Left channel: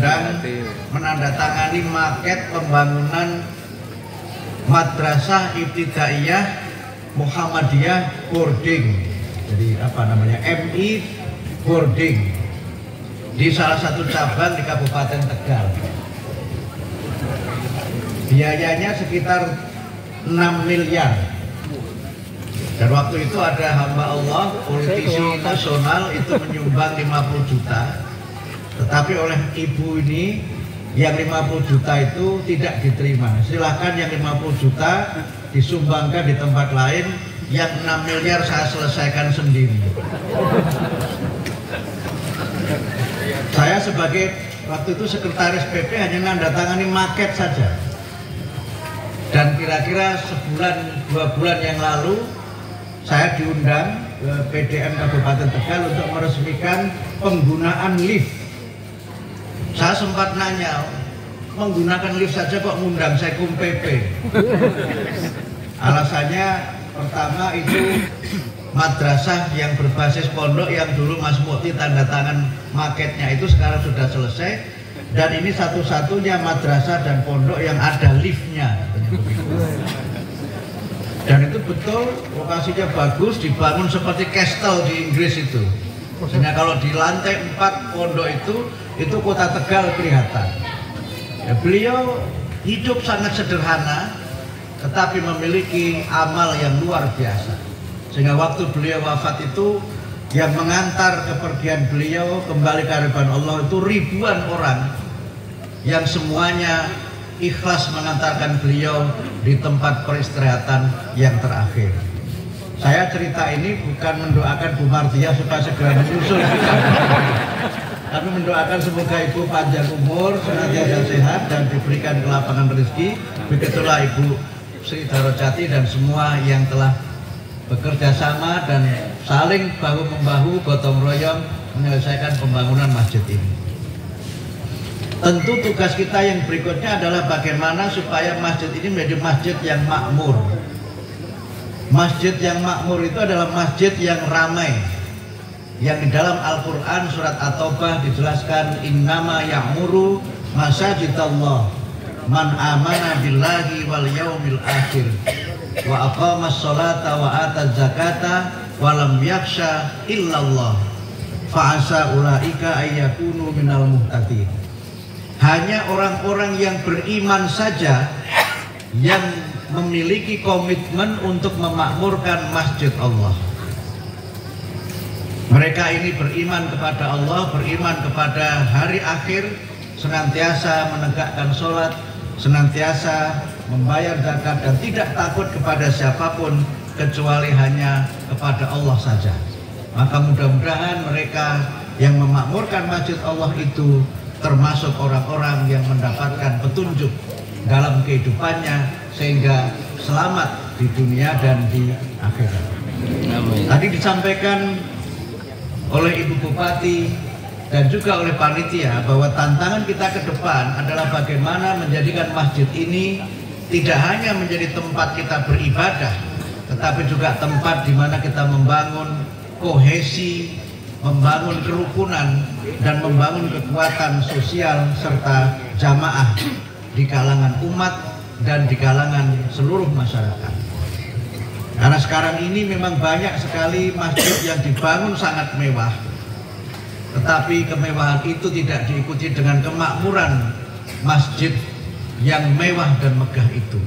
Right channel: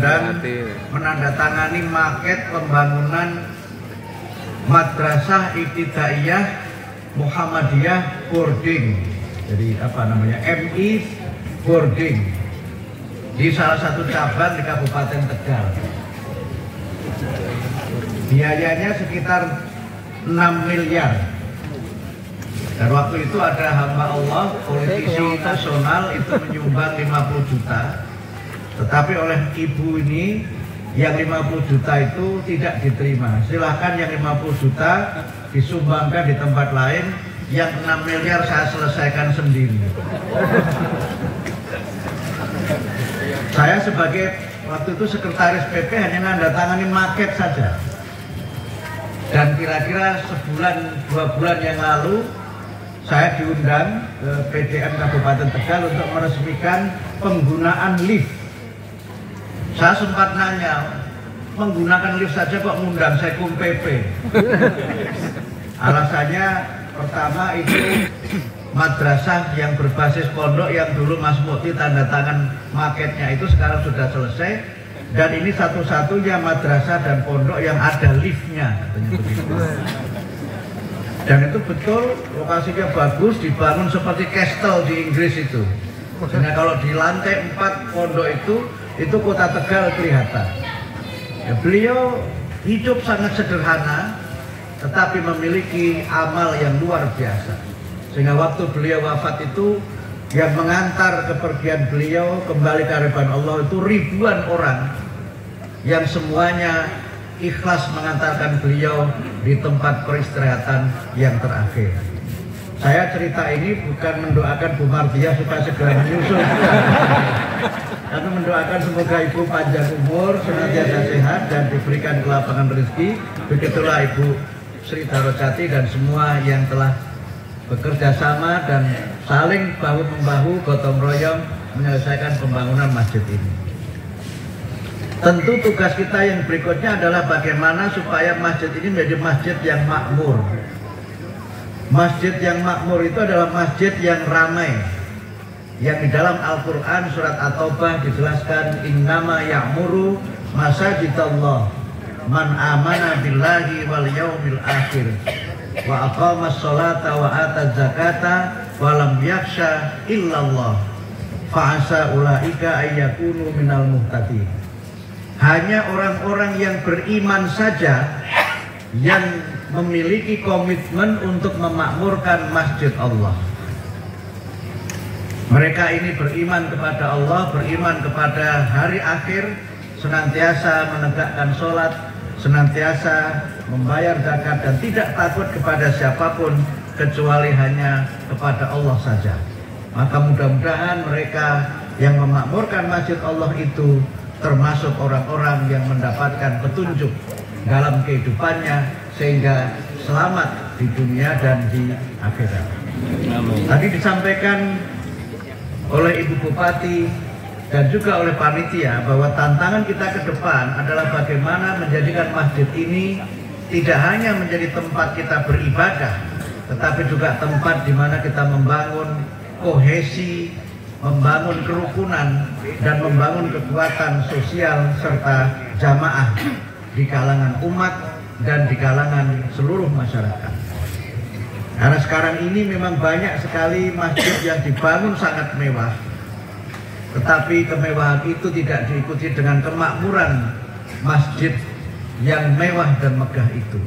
diundang menandatangani maket pembangunan Madrasah Ibtidaiyah Muhammadiyah Boarding. Jadi apa namanya, MI Boarding di salah satu cabang di Kabupaten Tegal. Biayanya sekitar 6 miliar. Dan waktu itu ada hamba Allah, politisi nasional itu menyumbang 50 juta. Tetapi oleh ibu ini yang 50 juta itu tidak diterima. Silahkan yang 50 juta disumbangkan di tempat lain, yang 6 miliar saya selesaikan sendiri. Saya sebagai waktu itu sekretaris PP hanya nandatangani maket saja. Dan kira-kira sebulan 2 bulan yang lalu saya diundang ke PDM Kabupaten Tegal untuk meresmikan penggunaan lift. Saya sempat nanya, menggunakan lift saja kok ngundang Sekum PP? Alasannya pertama itu madrasah yang berbasis pondok yang dulu Mas Mukti tanda tangan maketnya itu sekarang sudah selesai. Dan ini satu-satunya madrasah dan pondok yang ada liftnya, katanya begitu. Dan itu betul, lokasinya bagus, dibangun seperti castle di Inggris itu. Sehingga kalau di lantai 4 pondok itu kota Tegal kelihatan. Ya, beliau hidup sangat sederhana, tetapi memiliki amal yang luar biasa. Sehingga waktu beliau wafat itu, yang mengantar kepergian beliau kembali ke hadapan Allah itu ribuan orang yang semuanya ikhlas mengantarkan beliau di tempat peristirahatan yang terakhir. Saya cerita ini bukan mendoakan Bu Mardiah supaya segera menyusul, tapi mendoakan semoga Ibu panjang umur, senantiasa sehat dan diberikan kelapangan rezeki. Begitulah Ibu Sri Darojati dan semua yang telah bekerja sama dan saling bahu-membahu gotong royong menyelesaikan pembangunan masjid ini. Tentu tugas kita yang berikutnya adalah bagaimana supaya masjid ini menjadi masjid yang makmur. Masjid yang makmur itu adalah masjid yang ramai. Yang di dalam Al-Quran surat At-Taubah dijelaskan, innama ya'muru masajidallah man amana billahi wal yaumil akhir wa aqamas sholata wa ataz zakata wa lam yakhsha illallah fa asa ulaika ayyakunu minal muhtadin. Hanya orang-orang yang beriman saja yang memiliki komitmen untuk memakmurkan masjid Allah. Mereka ini beriman kepada Allah, beriman kepada hari akhir, senantiasa menegakkan sholat, senantiasa membayar zakat dan tidak takut kepada siapapun kecuali hanya kepada Allah saja. Maka mudah-mudahan mereka yang memakmurkan masjid Allah itu termasuk orang-orang yang mendapatkan petunjuk dalam kehidupannya sehingga selamat di dunia dan di akhirat. Amin. Tadi disampaikan oleh Ibu Bupati dan juga oleh panitia bahwa tantangan kita ke depan adalah bagaimana menjadikan masjid ini tidak hanya menjadi tempat kita beribadah, tetapi juga tempat di mana kita membangun kohesi, membangun kerukunan, dan membangun kekuatan sosial serta jamaah di kalangan umat dan di kalangan seluruh masyarakat. Karena sekarang ini memang banyak sekali masjid yang dibangun sangat mewah, tetapi kemewahan itu tidak diikuti dengan kemakmuran masjid yang mewah dan megah itu.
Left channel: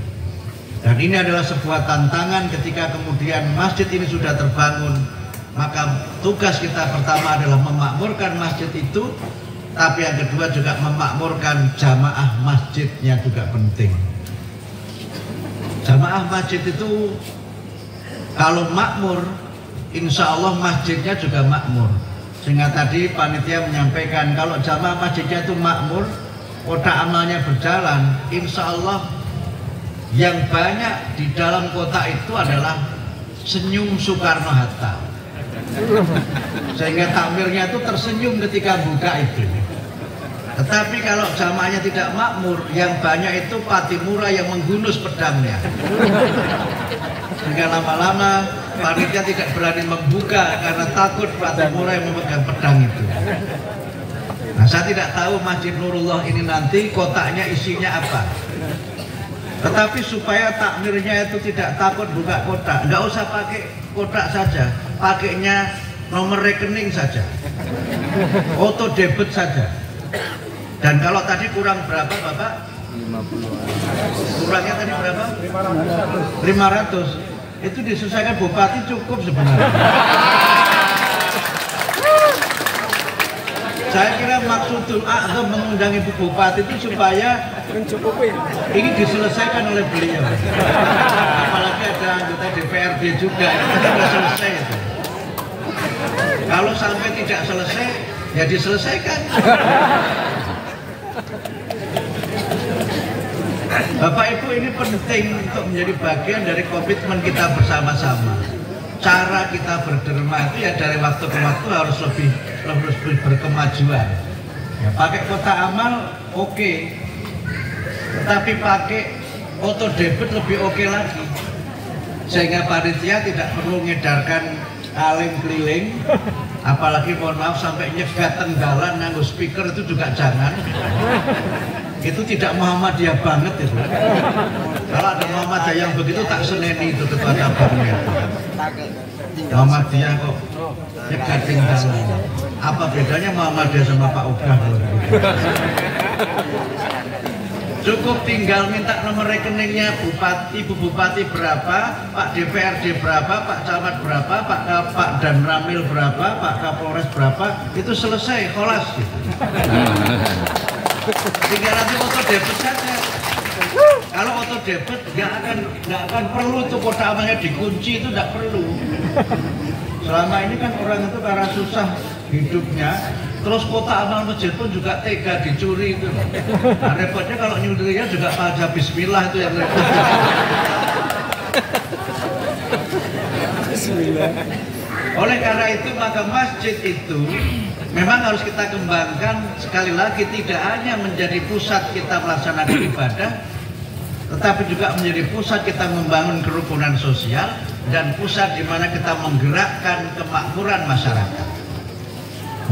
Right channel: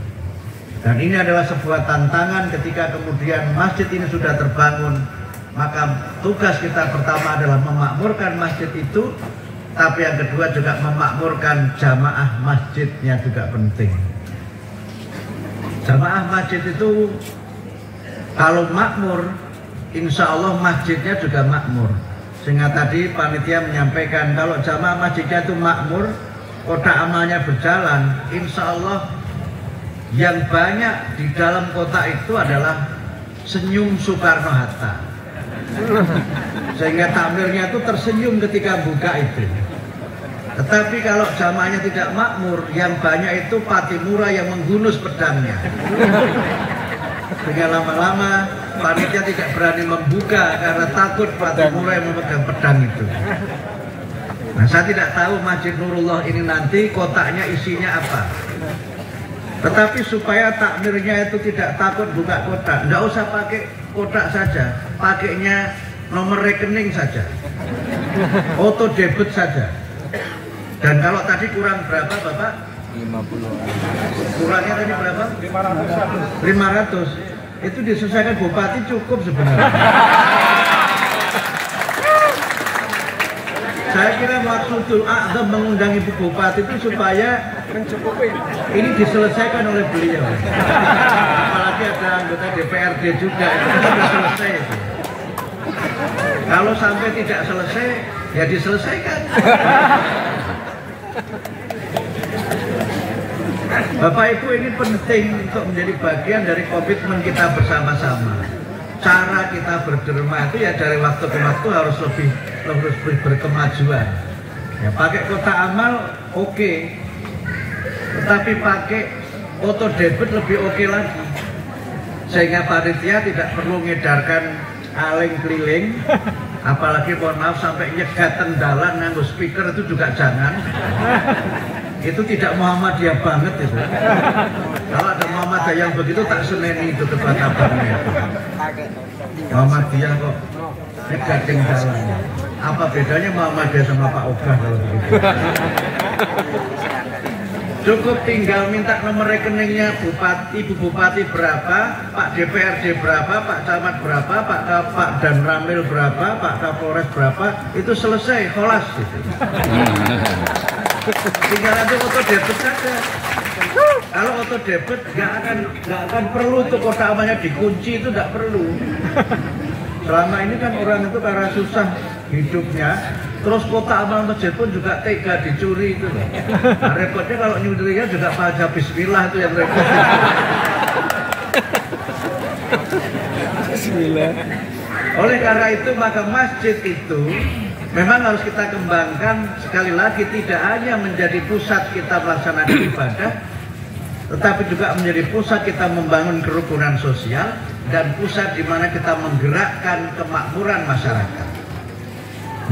Dan ini adalah sebuah tantangan ketika kemudian masjid ini sudah terbangun, maka tugas kita pertama adalah memakmurkan masjid itu, tapi yang kedua juga memakmurkan jamaah masjidnya juga penting. Jamaah masjid itu kalau makmur, insya Allah masjidnya juga makmur. Sehingga tadi panitia menyampaikan kalau jamaah masjidnya itu makmur, kotak amalnya berjalan, insya Allah yang banyak di dalam kota itu adalah senyum Soekarno-Hatta. Sehingga tampilnya itu tersenyum ketika buka itu. Tetapi kalau jamaahnya tidak makmur, yang banyak itu Patimura yang menggunus pedangnya. Sehingga lama-lama panitia tidak berani membuka karena takut Patimura yang memegang pedang itu. Nah, saya tidak tahu Masjid Nurullah ini nanti kotaknya isinya apa. Tetapi supaya takmirnya itu tidak takut buka kotak, nggak usah pakai kotak saja, pakainya nomor rekening saja, auto debit saja. Dan kalau tadi kurang berapa Bapak? Kurangnya tadi berapa? 500. Itu diselesaikan Bupati cukup sebenarnya. Saya kira maksudul a'zam mengundang Ibu Bupati itu supaya ini diselesaikan oleh beliau. Apalagi ada anggota DPRD juga, itu sudah selesai itu. Kalau sampai tidak selesai, ya diselesaikan. Bapak Ibu, ini penting untuk menjadi bagian dari komitmen kita bersama-sama. Cara kita berderma itu ya dari waktu ke waktu harus lebih berkemajuan. Ya, pakai kotak amal oke. Tetapi pakai auto debit lebih oke lagi. Sehingga panitia tidak perlu ngedarkan aling keliling, apalagi mohon maaf sampai nyegat tendalan nganggo speaker itu juga jangan. Itu tidak Muhammadiyah banget itu. Kalau ada Muhammadiyah yang begitu tak seneni itu ketua cabangnya. Muhammadiyah kok nyegat tendalan. Apa bedanya Muhammadiyah sama Pak Ogah kalau begitu? Cukup tinggal minta nomor rekeningnya Bupati, Ibu Bupati berapa, Pak DPRD berapa, Pak Camat berapa, Pak Danramil berapa, Pak Kapolres berapa, itu selesai, kholas gitu. Tinggal nanti auto debit saja. Kalau auto debit nggak akan perlu tuh kotak amalnya dikunci, itu nggak perlu. Selama ini kan orang itu karena susah hidupnya, terus kotak amal masjid pun juga tega dicuri itu. Nah, repotnya kalau nyurinya juga baca bismillah, itu yang repot. Bismillah. Oleh karena itu maka masjid itu memang harus kita kembangkan, sekali lagi tidak hanya menjadi pusat kita melaksanakan ibadah, tetapi juga menjadi pusat kita membangun kerukunan sosial dan pusat di mana kita menggerakkan kemakmuran masyarakat.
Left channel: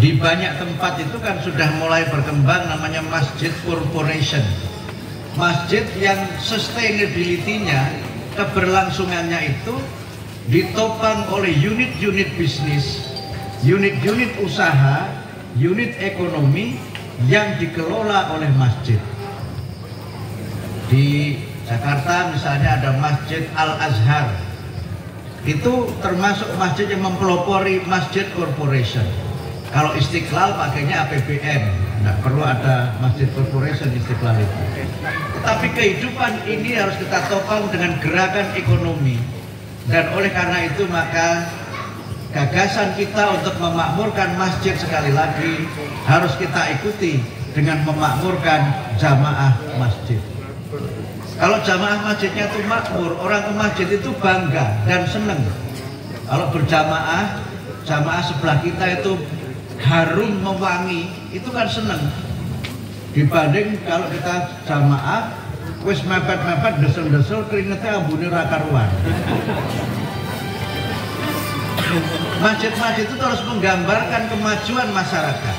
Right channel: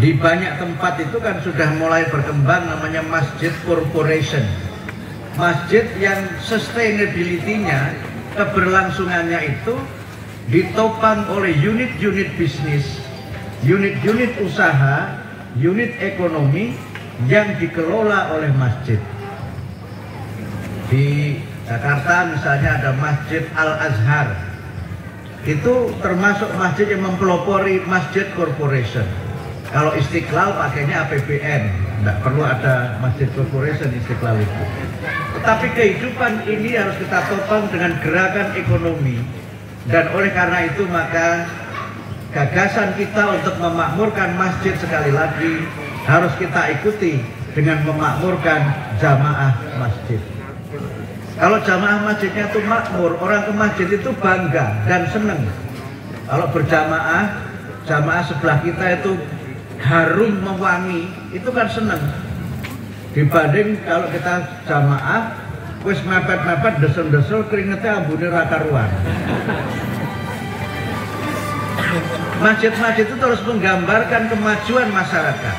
Di banyak tempat itu kan sudah mulai berkembang namanya masjid corporation. Masjid yang sustainability-nya, keberlangsungannya itu ditopang oleh unit-unit bisnis, unit-unit usaha, unit ekonomi yang dikelola oleh masjid. Di Jakarta misalnya ada Masjid Al-Azhar. Itu termasuk masjid yang mempelopori masjid corporation. Kalau Istiqlal pakainya APBN, nggak perlu ada masjid corporation Istiqlal itu. Tetapi kehidupan ini harus kita topang dengan gerakan ekonomi. Dan oleh karena itu maka gagasan kita untuk memakmurkan masjid sekali lagi harus kita ikuti dengan memakmurkan jamaah masjid. Kalau jamaah masjidnya itu makmur, orang ke masjid itu bangga dan senang. Kalau berjamaah, jamaah sebelah kita itu harum mewangi, itu kan senang. Dibanding kalau kita jamaah wis mepet-mepet desel-desel keringetnya ambune ra karuan. Masjid-masjid itu terus menggambarkan kemajuan masyarakat.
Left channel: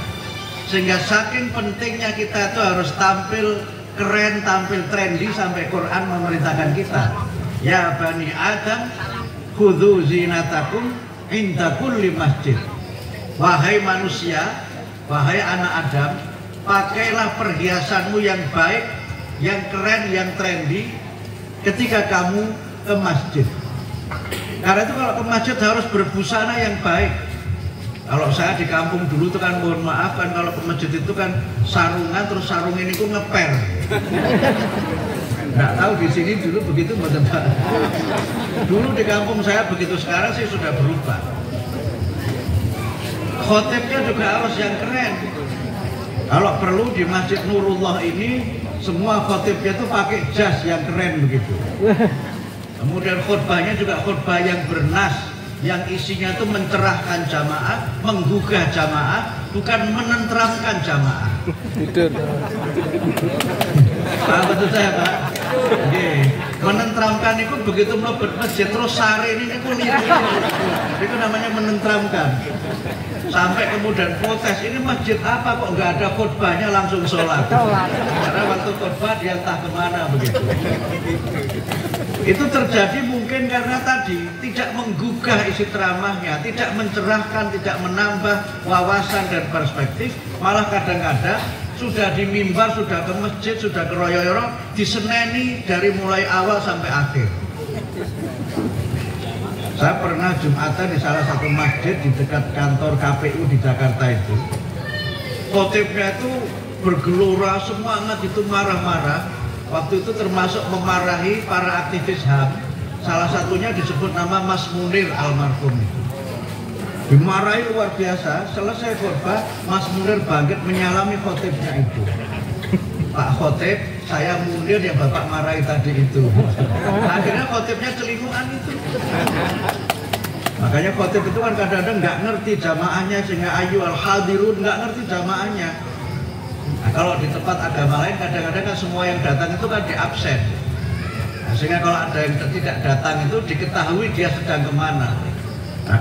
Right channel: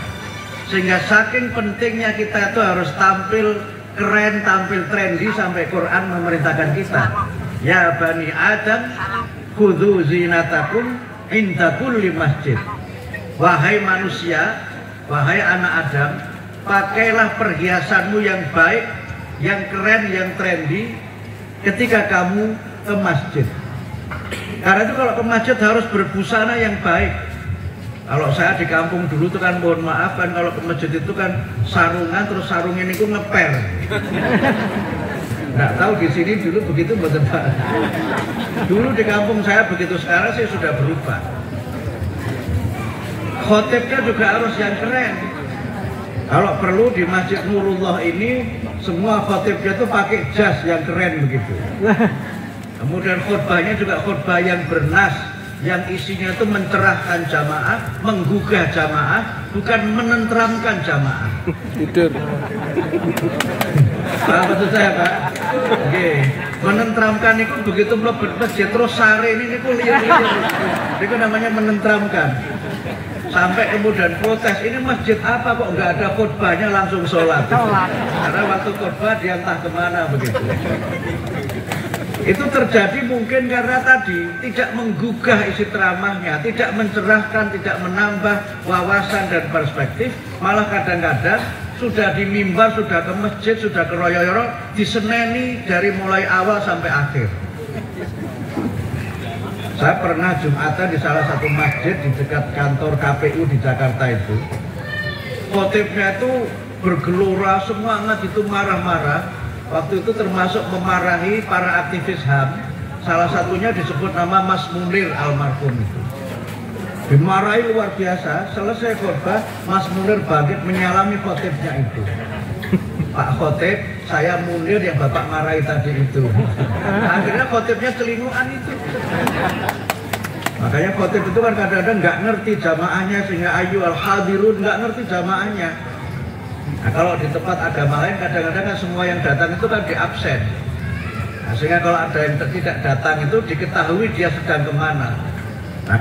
Sehingga saking pentingnya kita itu harus tampil keren, tampil trendy sampai Quran memerintahkan kita. Ya Bani Adam, khudhu zinatakum inda kulli masjid. Wahai manusia, wahai anak Adam, pakailah perhiasanmu yang baik, yang keren, yang trendy ketika kamu ke masjid. Karena itu kalau ke masjid harus berbusana yang baik. Kalau saya di kampung dulu itu kan mohon maaf kan kalau ke masjid itu kan sarungan, terus sarung ini ku ngeper. Nggak tahu di sini dulu begitu betul Pak. Dulu di kampung saya begitu, sekarang sih sudah berubah. Khotibnya juga harus yang keren. Kalau perlu di Masjid Nurullah ini semua khotibnya itu pakai jas yang keren begitu. Kemudian khutbahnya juga khutbah yang bernas, yang isinya itu mencerahkan jamaah, menggugah jamaah, bukan menenteramkan jamaah. Tidur. Paham betul saya Pak? Oke. Menenteramkan itu begitu mlebu masjid terus sare ini lihat. Itu namanya menenteramkan. Sampai kemudian protes, ini masjid apa kok nggak ada khotbahnya langsung sholat. Karena waktu khotbah dia entah kemana begitu. Itu terjadi mungkin karena tadi tidak menggugah isi ceramahnya, tidak mencerahkan, tidak menambah wawasan dan perspektif, malah kadang-kadang sudah di mimbar, sudah ke masjid, sudah ke royo-royo, diseneni dari mulai awal sampai akhir. Saya pernah Jumatan di salah satu masjid di dekat kantor KPU di Jakarta itu. Khotibnya itu bergelora, semangat, itu marah-marah. Waktu itu termasuk memarahi para aktivis HAM. Salah satunya disebut nama Mas Munir almarhum itu. Dimarahi luar biasa. Selesai khotbah, Mas Munir bangkit menyalami khotibnya itu. Pak Khotib, saya Munir yang Bapak marahi tadi itu. Akhirnya khotibnya celinguan itu. Makanya khotib itu kan kadang-kadang nggak ngerti jamaahnya, sehingga ayu al-hadirun nggak ngerti jamaahnya. Nah, kalau di tempat agama lain kadang-kadang kan semua yang datang itu kan di absen. Nah, sehingga kalau ada yang tidak datang itu diketahui dia sedang kemana. Nah,